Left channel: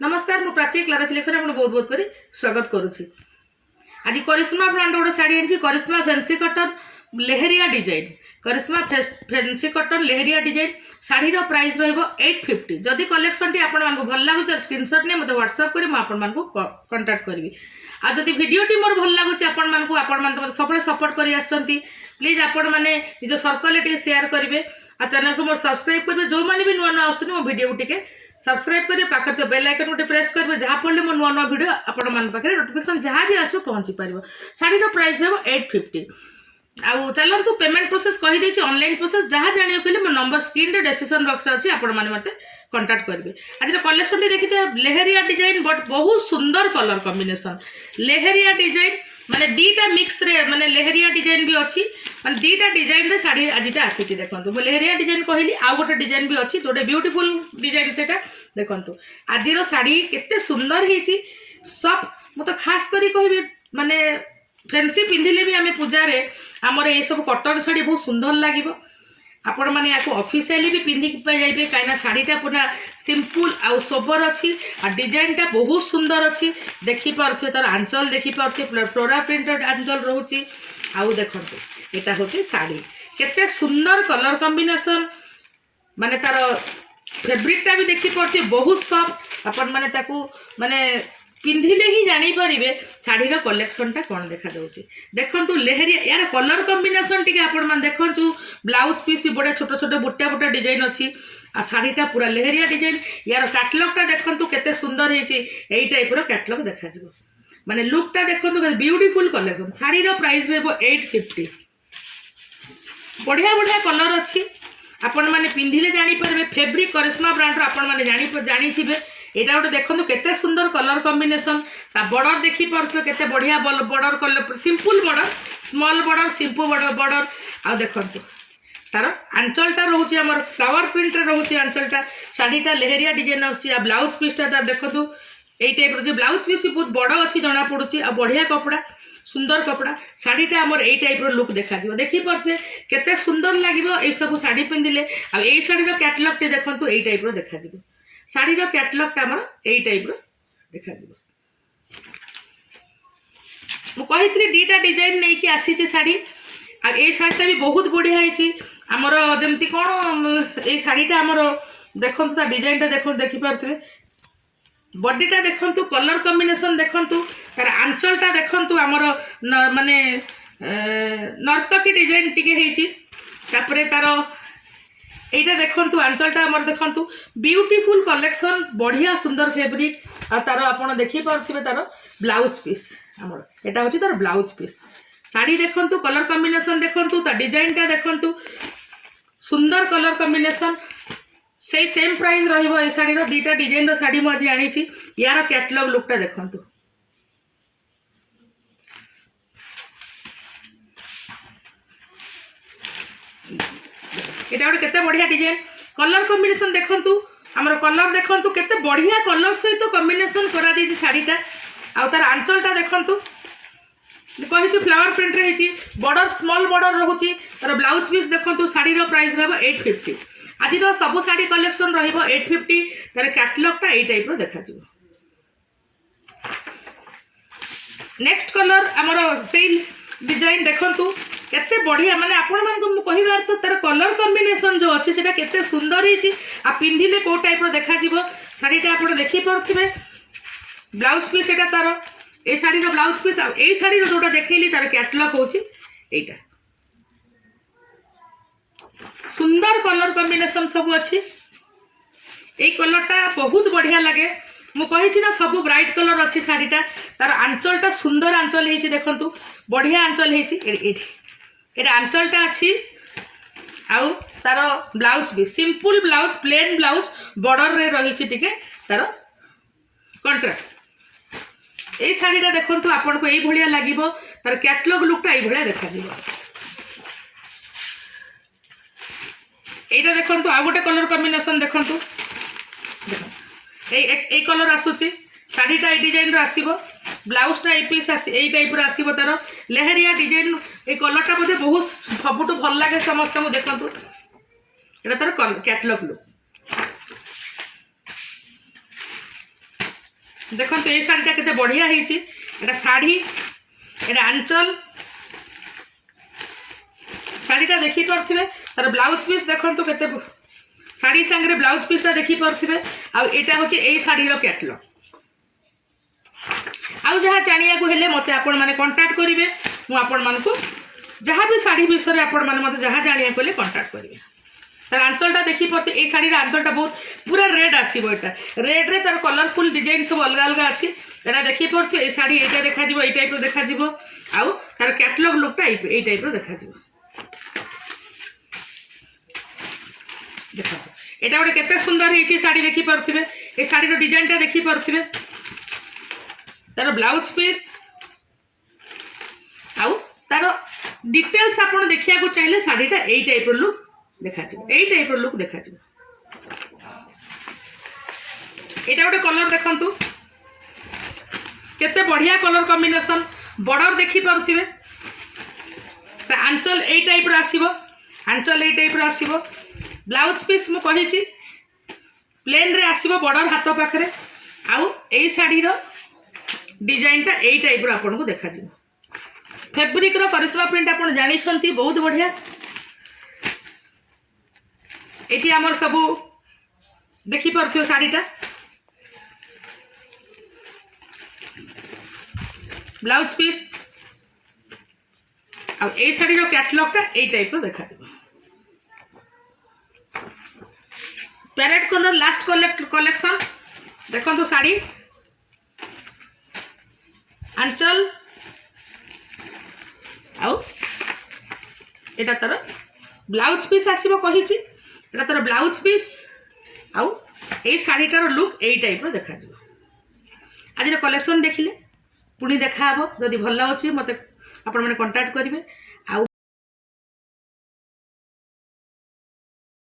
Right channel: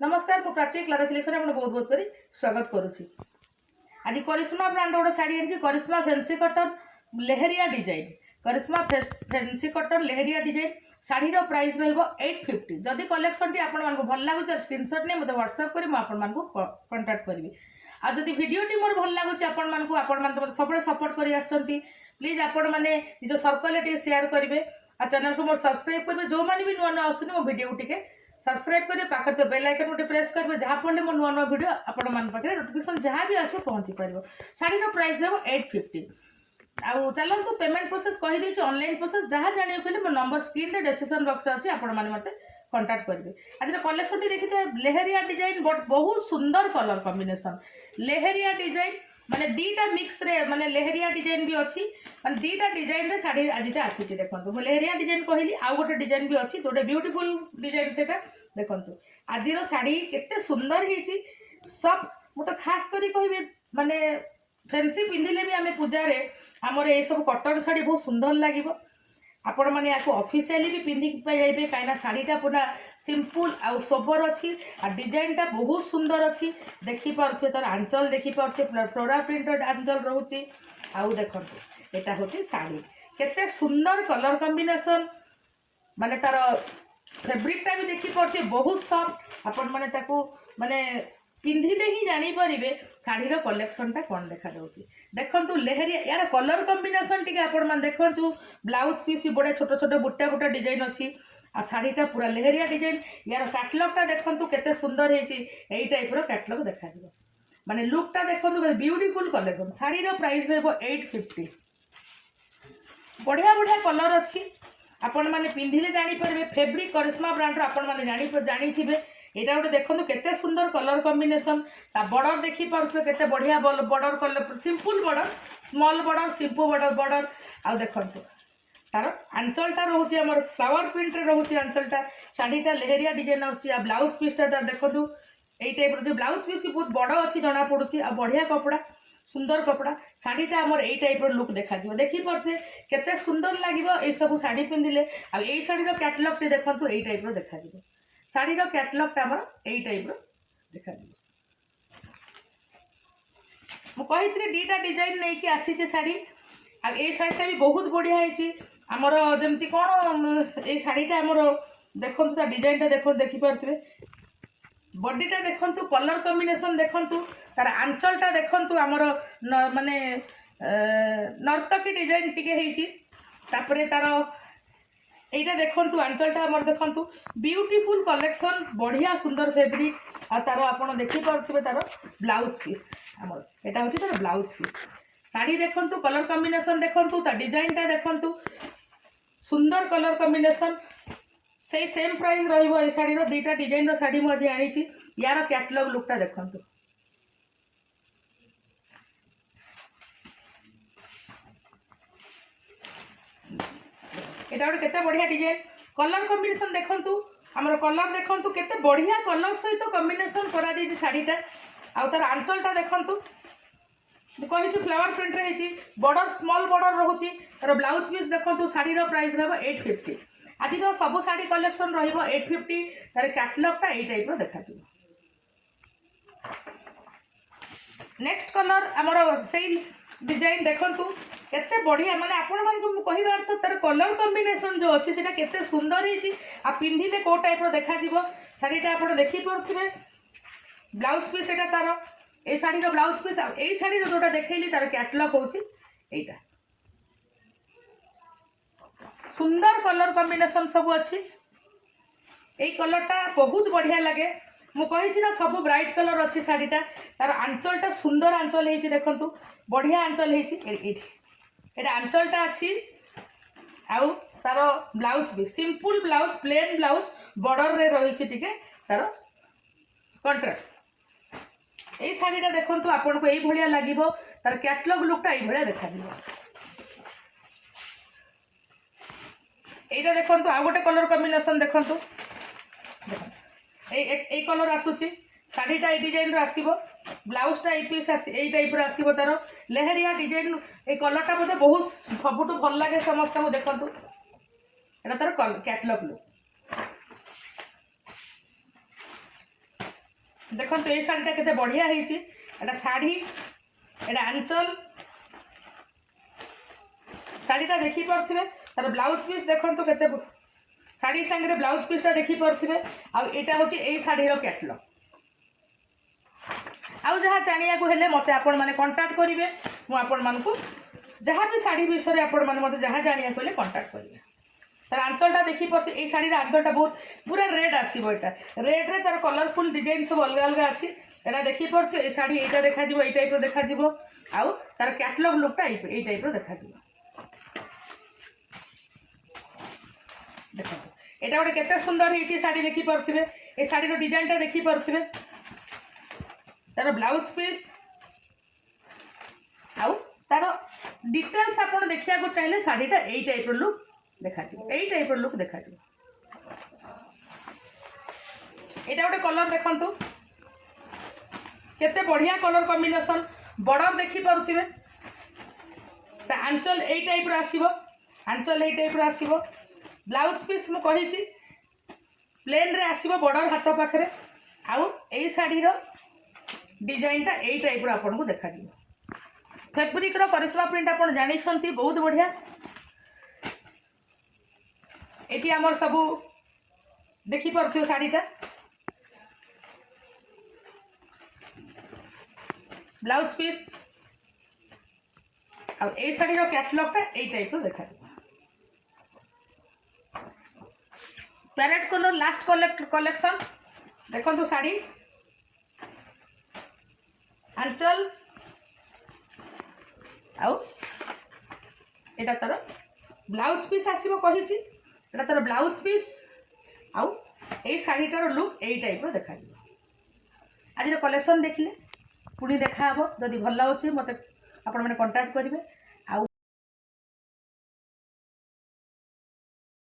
नमस्कार मु Prachi Clara selection आपन बहुत बहुत करी स्वागत करुछि। आज करिश्मा ब्रांड गोटे शाड़ी आनी करिश्मा फैंसी कटन लेहरिया डिजाइन करिश्मा फैंसी कटन लेहरिया डिजाइन शाड़ी प्राइस रहिबो 850। जदि कलेक्शन टी आपण मानकु भल लागु त स्क्रीनशॉट ने मते व्हाट्सएप करी म आपण मानकु कांटेक्ट करबी। आ जदि वीडियो टी मोर भल लागु आपण मानकु आपण मान तो सबले सपोर्ट करी आछंती प्लीज आपण माने निज सर्कल टी शेयर करिवे आ चैनल को मोर सब्सक्राइब करबे। जो माने भी नुवा नुवा आछन मो वीडियो टिके सब्सक्राइब करें पाखे तो बेल आइकन गोटे प्रेस करेंगे जहाँ पड़े मो नुआ नुआ वीडियो आपण मान पाखे नोटिफिकेशन जहाँ भी आसो पहुँची पार। शाड़ी प्राइस है 850। आउ चलतु पेमेंट प्रोसेस कहीदे ऑनलाइन प्रोसेस जहाँ जाना कहले मो नंबर स्क्रीन रे डिस्क्रिप्शन बॉक्स अच्छी आपण मैंने मत कांटेक्ट करेंगे। आज कलेक्शन टी देखिए लेहरिया डिजाइन बट बहुत सुंदर कलर कॉम्बिनेशन लेहरिया डिजाइन माने दीटा मिक्स रे माने लेहरिया डिजाइन भी अच्छी माने दीटा डिजाइन रे साड़ी आजिटा आसी देखो लेहरिया डिजाइन कहली आउ गोटे डिजाइन भी अच्छी जोटे ब्यूटीफुल डिजाइन से देखो आज शाड़ी केते सुंदर होती सब मु तो खास करी कहबी माने फैंसी पिंधिले भी आम पूजा रे आमर ये सब कटन शाड़ी बहुत सुंदर लगे आपण मैंने या ऑफिशियली भी पिंधिक जाइए कहीं शाड़ीटा पूरा सिंपल आउ सोबर अच्छी आ डिजाइनटा बहुत सुंदर अच्छी देखिपे तार आंचल देखिपे फ्लोरा प्रिंटेड आंचल रोचे। आउ देखो यहाँ हूँ शाड़ी केते सुंदर कलर कॉम्बिनेशन माने तार फैब्रिकटा भी देखिपे बहुत सॉफ्ट आपण मैंने माने पिंधिले ही जानीपर शाढ़ीर कलेक्शनटा कौन देखा देखु लेहरिया यार कलर कॉम्बिनेशन टी आपण देखु ब्लाउज पीस भी बड़े छोट छोट बुटा बुटा डिजाइन अच्छी आ शाढ़ीटा पूरा लेहरिया डिजाइन यार कैटलॉगटा देखु केते सुंदर है टाइप कैटलॉग देखा माने लुकटा देखु ब्यूटीफुल कलेक्शन शाढ़ीर प्राइस रहिबो 850। बढ़िया बढ़िया कलर अच्छी आपण मैंने पिंधिले जानीपर फैब्रिक करिश्मा ब्रांड आपण मैंने जानी एटा गोटे देखो केते सुंदर कलर कॉम्बिनेशन बॉर्डर देखी पार्थे केते बढ़िया border colour simple border small border simple border आ देखो तार आंचलटा रोचे आमर फ्लावर प्रिंट रोचे आंचलटा शाढ़ीटा लेहरिया डिजाइन आ ब्लाउज पीसटा तार देखो यही टाइप जो ब्लाउज पीस बहुत बड़ अच्छी जना पड़ुची आ बढ़िया कपड़ा सुंदर कपड़ा शाढ़ीटा आमर यही टाइप लुक देखा देखिपे केते सुंदर लगे ये सब शाढ़ी पिंधिले आ यही शाढ़ीर कैटलॉग टी देखो यही टाइप देखा शाढ़ीर कैटलॉगटा आमर यही टाइप देखा मुझे दीटा डिजाइन नहीं कि आसी शाड़ी आ ये शाढ़ीटा भी बहुत बढ़िया आमर जमती कौन ये शाढ़ीटा आमर देखो डिजाइनटा देखो देखिपे बॉडीटा देखु कलर कॉम्बिनेशन देखु तार आंचलटा देखु आमर माने नर्तकी डिजाइन टिके तापर तार এইটা দেখন্তু আঁচলটা আমার দেখন্তু বিউটিফুল কলেকশন बढ़िया सुंदर फैब्रिक आ तार आपण देखि पारथिबे तार ब्लाउज पीस हमर एटा होची तार ब्लाउज पीस साड़ी देखন্তু कलर कॉम्बिनेशन देखন্তু ता डिजाइनटा देखন্তু सुंदर कलर कॉम्बिनेशन से सेम प्राइस रहिबो ए साड़ी रो दीटा डिजाइन रो साड़ी म आज आनीची यार कैटलॉग लुकटा देखন্তু एटा केते बढ़िया डिजाइन कलर कॉम्बिनेशन देखंतु हमर कलर देखंतु केते बढ़िया कलर सहित कॉम्बिनेशन करा दी शाड़ीटा आ तार आंचलटा देखंतु कहि फ्लावर प्रिंट रे हेची बॉर्डर स्मॉल बॉर्डर रहउची तार ब्लाउज पीस देखंतु शाड़ीर प्राइस रहबो 850। आदि रो सब शाड़ी कलेक्शन रहइबो 850 तार कैटलॉगटा एई टाइप रो देखा जिवो। नेक्स्ट कलर हमर सेम डिजाइन देखंतु केते बढ़िया माने आपण मान को कहिबा अर्थ तार कलर कॉम्बिनेशन जो अच्छी सेटा केते सुंदर हिची आ पिंधिले को टाइप रो देखा जिवो शाड़ीटा आपण देखि परथिबे ब्लाउज पीस एटा तार ए शाड़ी रो ब्लाउज पीस आ ए शाड़ी रो जोटा देखैली तार कैटलॉग होची एटा सुंदर कलर कॉम्बिनेशन सब अच्छी ए कलरटा बहुत बढ़िया लगे मु कहिछि ना सब ब्राइट कलर अच्छी शाड़ीटा तार आंचलटा सुंदर आंचल हेची देखंतु बढ़िया आंचल हेची एटा आंचलटा अच्छी आउ तार ब्लाउज भी simple blouse plain blouse border रे रही टिके तार कंट्रास्ट ए शाड़ीटा देखंतु आपन को एई भलिया लागिवो तार कैटलॉग लुकटा एई भलिया देखा दिबो। एटा देखंतु आ गोटे कलर कॉम्बिनेशन देखंतु ए कलर आसुची शाड़ीटा ए डिजाइन रो आसीबो ब्लाउजटा ए पीस ए टाइप रो आसीबो तार लेहरिया डिजाइन ए कलरटा बोधे बहुत सबुठ भल लागे समस्त को देखंतु एटा तार कैटलॉग लुक देखो ये शाढ़ीटा केते बढ़िया होती एटा शाढ़ी एटा आंचल शाढ़ीटा देखी पारे तार ब्लाउज पीस देखो केते शाढ़ी सांगे ब्लाउज पीसटा देखी पारे आईटा हूँ यही शाढ़ीर कैटलॉग आउ जहाँ जानिया हेले मत आपण मैंने कंटाक्ट करेंगे मुझे जहाँ भी शाढ़ी विषय आपण मैंने मत जहाँ जानिया हेले कंटाक्ट करेंगे तार आंचलटा देखी पारे ये शाढ़ीर आंचलटा बहुत पूरा रेड आसो यहाँ रेड रे तार कलरफुल डिजाइन सब अलग अलग अच्छी यहाँ देखी पारे ये शाढ़ी यहाँ देखा ये टाइप देखा आउ तार कैटलॉग लुकटा ये टाइप देखा देखो यहाँ गोटे केते सुंदर है शाढ़ी देखी पारे ये शाढ़ीर डिजाइनटा देखी पारे तार ब्लाउज पीस आउ तार डिटेल्स आप देखा चाहिए शाढ़ीटा यही टाइप लुक देखा यही टाइप लुक देखा यहाँ गोटे कलर देखु केते बढ़िया कलर कॉम्बिनेशन बॉर्डर देखी पारे आंचल यही टाइप आसो आंचल यही टाइप आसो ब्लाउज पीस मु कही प्लेन रे आसो बॉर्डर हाथ पाखे आउ यही शाढ़ीर डिजाइनटा यही टाइप आपन को देखा फैब्रिक रो करिश्मा प्रिंट आप जानी बहुत बढ़िया ये आमर सबू देखी पार्थिव शाढ़ीटा ब्लाउज पीस आ शाढ़ीर कैटलॉगटा यही टाइप देखा पैरेट कलर लास्ट कलेक्शन देखो शाढ़ी आंचल आउ एटा तार ब्लाउज पीस आसीबो कहिछि एटा तार ब्लाउज पीस आउ ए शाढ़ीटार लुक यही टाइप देखा आज कलेक्शन देखिले पुणी देखा जदि भल लाଗୁଛି मत आपण मैंने कंटाक्ट करेंगे।